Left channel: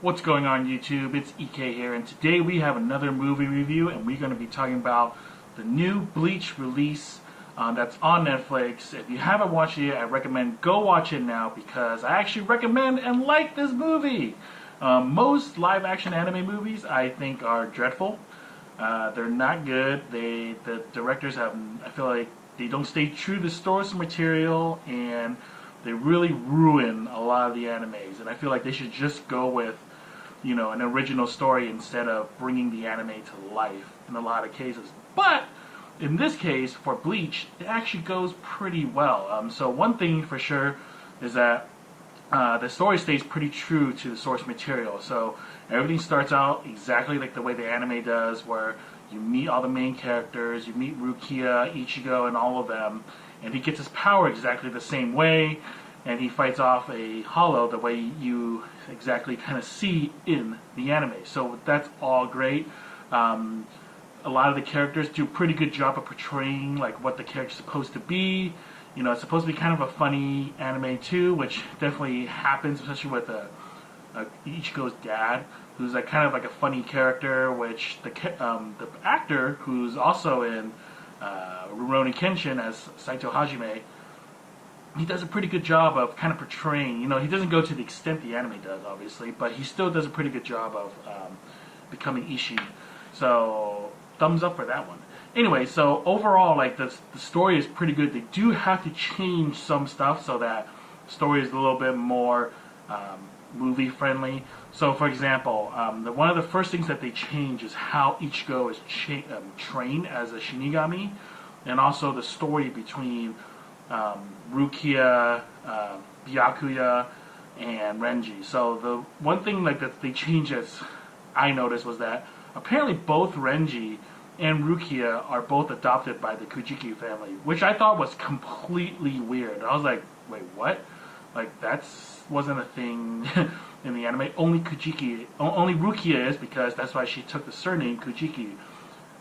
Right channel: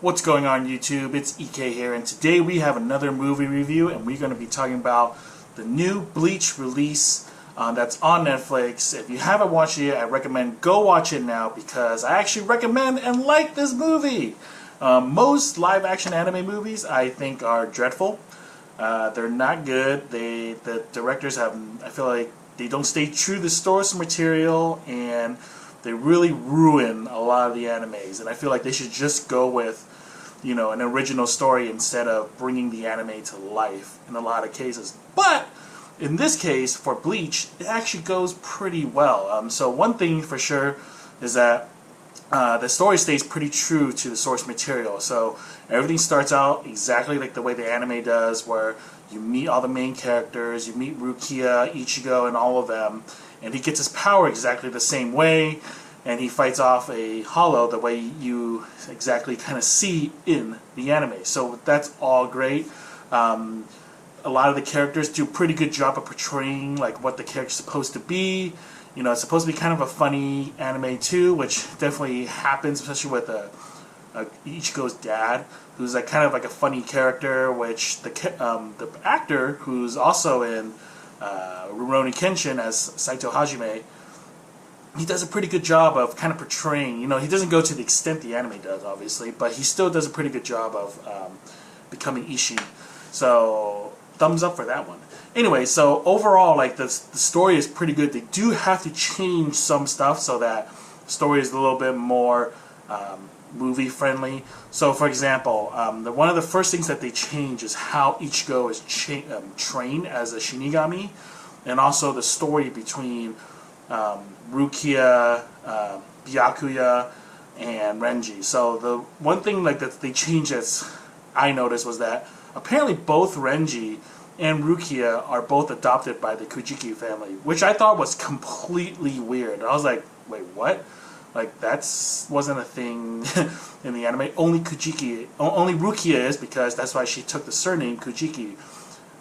What's going on YouTube? It's EK here, and today we have another movie review, and we're going to be talking about the new Bleach release that's on Netflix. If you haven't watched it yet, I recommend go watch it now because I actually recommend and like this movie. Most live-action anime movies I think are dreadful. They're not good. The directors have, I feel like they don't stay true to the source material, and they really ruin a lot of the animes, and I feel like they should just go with, an original story instead of bringing the anime to life in a lot of cases. But in this case, for Bleach, it actually goes pretty well. So one thing for sure is that the story stays pretty true to the source material. So everything starts out exactly like the way the anime does, where you meet all the main characters, you meet Rukia, Ichigo, and all of them, and he gets his power exactly the same way, and he fights off a hollow the way you exactly kind of see in the anime. So that's all great. A lot of the characters do a pretty good job of portraying like what the character's supposed to be. It's supposed to be kind of a funny anime too, which definitely happens, especially with Ichigo's dad, who's like kind of like a funny character. Which the actor who's also in Rurouni Kenshin as Saito Hajime, he does a pretty good job of kind of portraying. He doesn't go to the extent the anime does, obviously, but he still does a pretty good job of becoming Ishi. So thumbs up for that one. Anyway, so overall, like the story is pretty good. They do have to change some stuff so that the story is a little bit more movie friendly. So, for example, one of the first things that they change is how Ichigo is trained as a Shinigami, and also the story between Rukia, Byakuya, and Renji. So the one thing like that they changed, as I noticed, was that apparently both Renji and Rukia are both adopted by the Kujiki family, which I thought was completely weird. I was like, wait, what? Like, wasn't a thing in the anime. Only Rukia is, because that's why she took the surname Kujiki.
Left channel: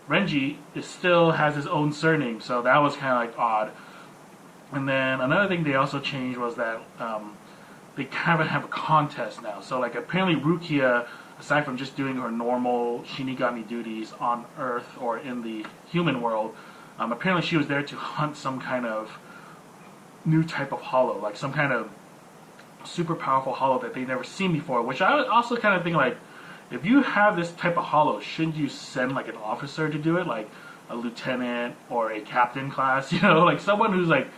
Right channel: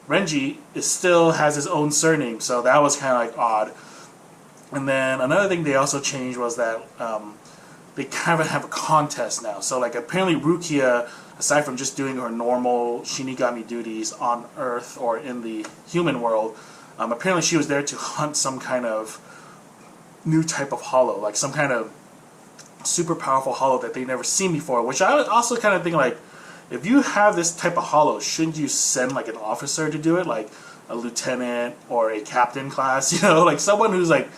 Renji still has his own surname, so that was kind of like odd. And then another thing they also changed was that they kind of have a contest now. So like apparently Rukia, aside from just doing her normal Shinigami duties on Earth or in the human world, apparently she was there to hunt some kind of new type of hollow, like some kind of super powerful hollow that they've never seen before. Which I also kind of think, like, if you have this type of hollow, shouldn't you send like an officer to do it, like a lieutenant or a captain class, like someone who's like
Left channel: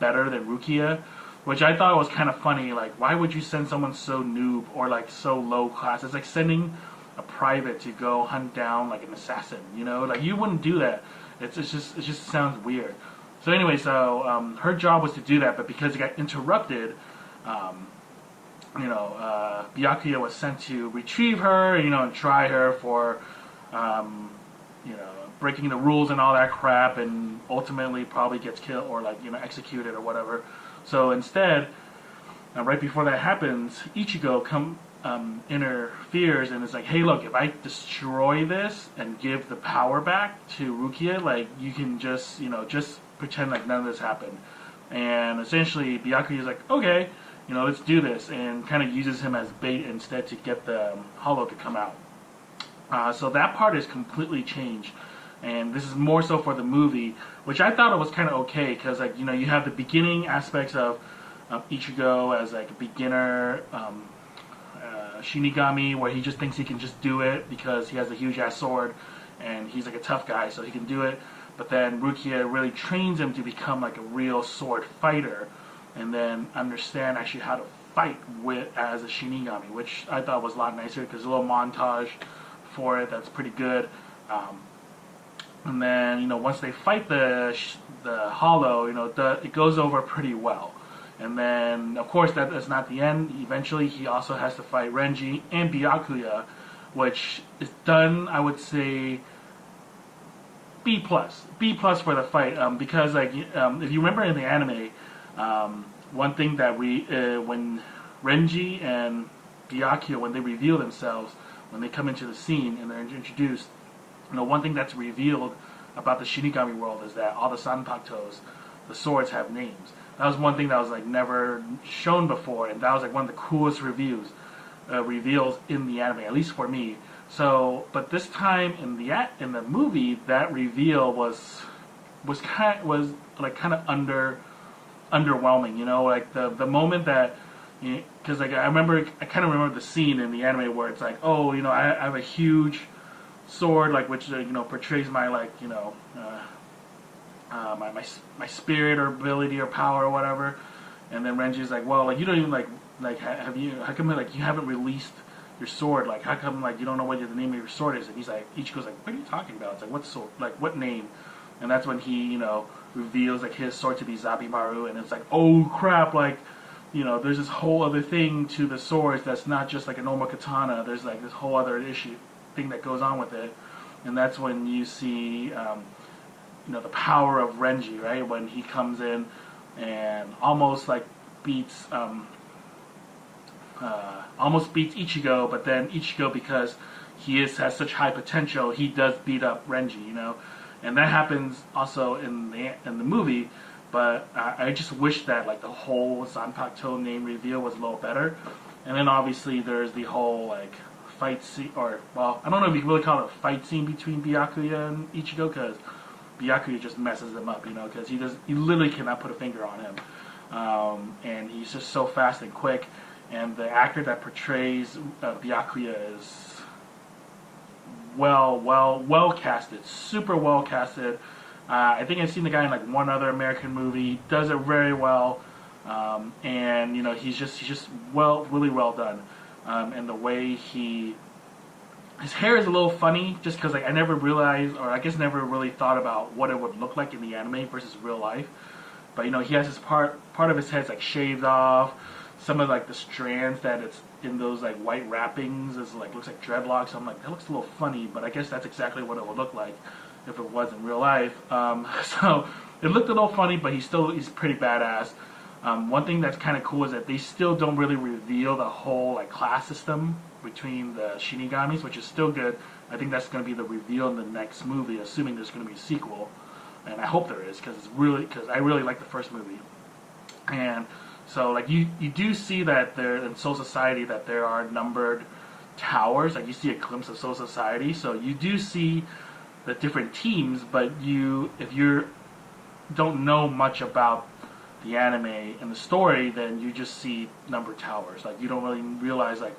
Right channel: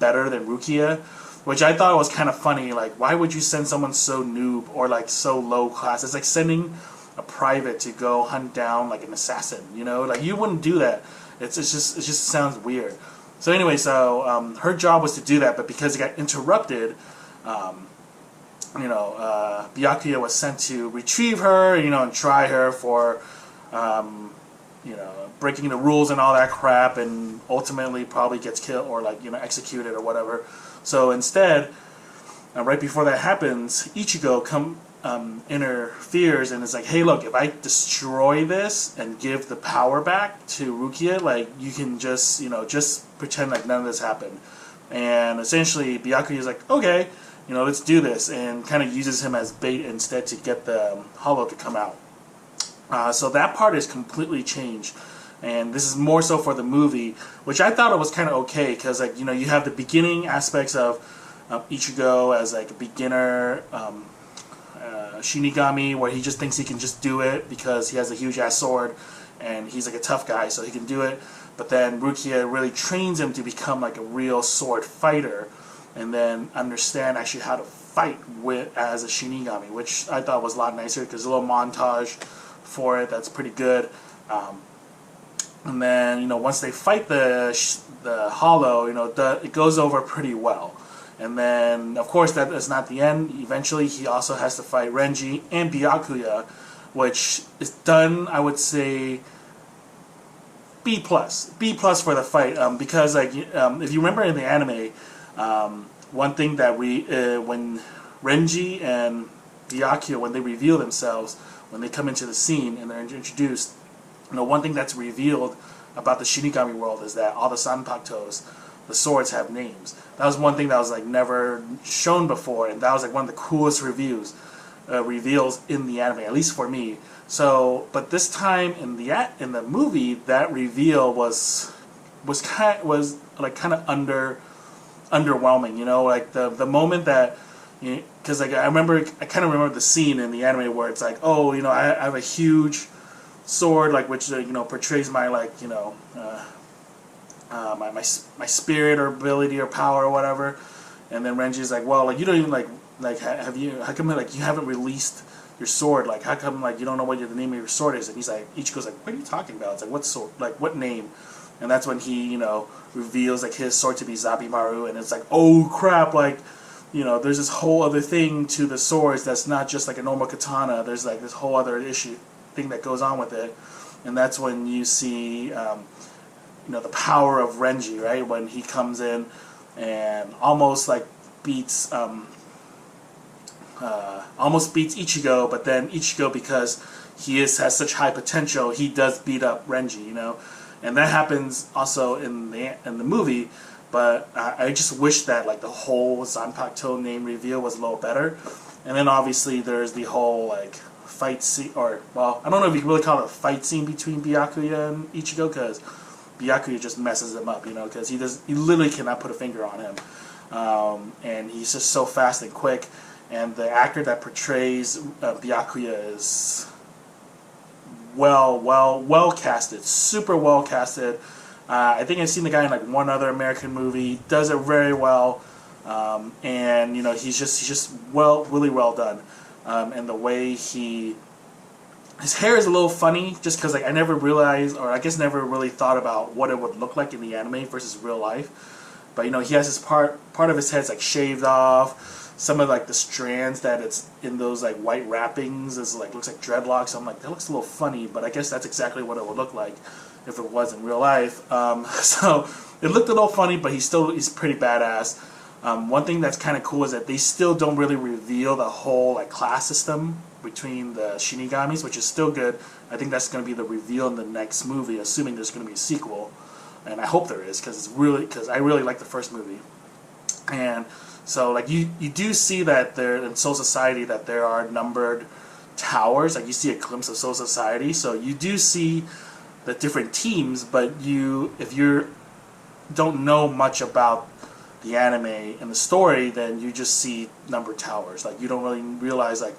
better than Rukia? Which I thought was kind of funny. Like, why would you send someone so noob or like so low class? It's like sending a private to go hunt down like an assassin. Like you wouldn't do that. It just sounds weird. So anyway, her job was to do that, but because it got interrupted, Byakuya was sent to retrieve her, and try her for, breaking the rules and all that crap, and ultimately probably gets killed or executed or whatever. So instead, right before that happens, Ichigo interferes and is like, hey, look, if I destroy this and give the power back to Rukia, like, you can just pretend like none of this happened. And essentially, Byakuya is like, okay, let's do this, and kind of uses him as bait instead to get the hollow to come out. So that part is completely changed. And this is more so for the movie, which I thought it was kind of okay, because you have the beginning aspects of Ichigo as like a beginner Shinigami, where he just thinks he can just do it because he has a huge ass sword and he's like a tough guy, so he can do it. But then Rukia really trains him to become like a real sword fighter, and then understand actually how to fight as a Shinigami, which I thought was a lot nicer, because a little montage for it that's pretty good. And then, once they fight the hollow, it goes over pretty well. And then, of course, that is not the end. Eventually, he also has to fight Renji and Byakuya, which is done, I would say, B+. B+ for the fight. Because, if you remember in the anime, one thing that when Renji and Byakuya, when they reveal themselves, when they come into the scene and they're introduced, one thing that's revealed about the Shinigami world is that all the Sanpakutos, the swords, have names. That was one thing that was like never shown before, and that was like one of the coolest reviews. reveals in the anime, at least for me. So, but this time in the movie, that reveal was kind of underwhelming. You know, like the moment that, because like I kind of remember the scene in the anime where it's like, oh, you know, I have a huge sword, like, which portrays my, like, my spirit or ability or power or whatever. And then Renji's like, well, like, you don't even how come like you haven't released your sword? Like, how come like you don't know what the name of your sword is? And he's like, Ichigo's like, what are you talking about? It's like, what sword? Like, what name? And that's when he reveals like his sword to be Zabimaru, and it's like, oh crap, like, there's this whole other thing to the swords that's not just like a normal katana. There's like this whole other thing that goes on with it, and that's when you see the power of Renji, right? When he comes in and almost beats Ichigo, but then Ichigo, because he has such high potential, he does beat up Renji, and that happens also in the movie. But I just wish that like the whole Zanpakuto name reveal was a little better. And then obviously there's the whole like fight scene, or well, I don't know if you can really call it a fight scene between Byakuya and Ichigo, because Byakuya just messes him up, because he literally cannot put a finger on him, and he's just so fast and quick. And the actor that portrays Byakuya is well casted, super well casted. I think I've seen the guy in like one other American movie. Does it very well, and he's just really well done. And the way his hair is a little funny, just because like I never realized, or I guess never really thought about what it would look like in the anime versus real life. But he has his part of his head's like shaved off. Some of like the strands that it's in those like white wrappings is like looks like dreadlocks. I'm like, that looks a little funny, but I guess that's exactly what it would look like if it was in real life. So it looked a little funny, but he's pretty badass. One thing that's kind of cool is that they still don't really reveal the whole like class system between the Shinigamis, which is still good. I think that's going to be the reveal in the next movie, assuming there's going to be a sequel, and I hope there is, because I really like the first movie. And so like you do see that there in Soul Society that there are numbered towers. Like you see a glimpse of Soul Society, so you do see the different teams, but if you don't know much about the anime and the story, then you just see numbered towers. Like you don't really realize like,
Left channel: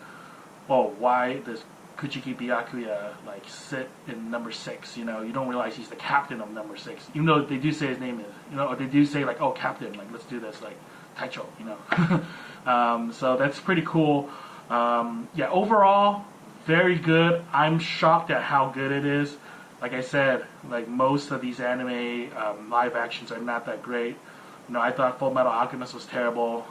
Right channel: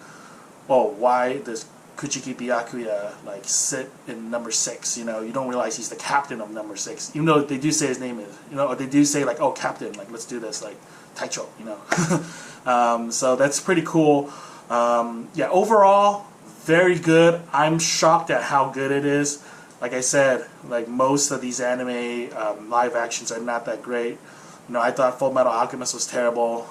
oh, why does Kuchiki Byakuya like sit in number 6? You don't realize he's the captain of number 6, even though they do say his name is, or they do say like, oh, captain, like let's do this, like Taicho, so that's pretty cool. Yeah, overall, very good. I'm shocked at how good it is. Like I said, like most of these anime live actions are not that great. I thought Full Metal Alchemist was terrible.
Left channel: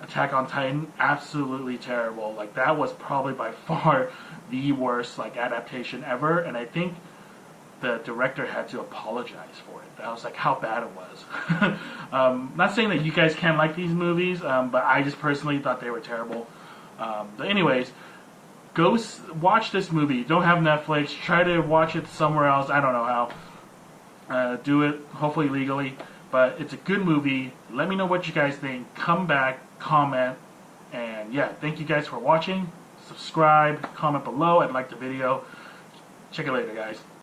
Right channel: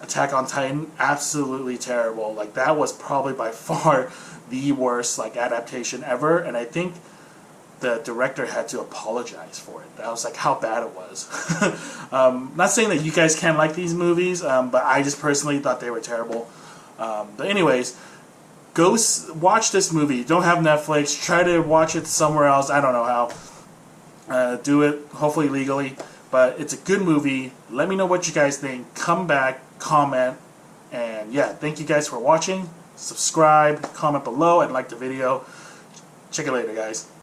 Attack on Titan, absolutely terrible. Like that was probably by far the worst like adaptation ever, and I think the director had to apologize for it. That was like how bad it was. Not saying that you guys can't like these movies, but I just personally thought they were terrible. But anyways, go watch this movie. You don't have Netflix, try to watch it somewhere else. I don't know how. Do it, hopefully legally. But it's a good movie. Let me know what you guys think. Come back, comment, and yeah, thank you guys for watching. Subscribe, comment below, and like the video. Check it later, guys.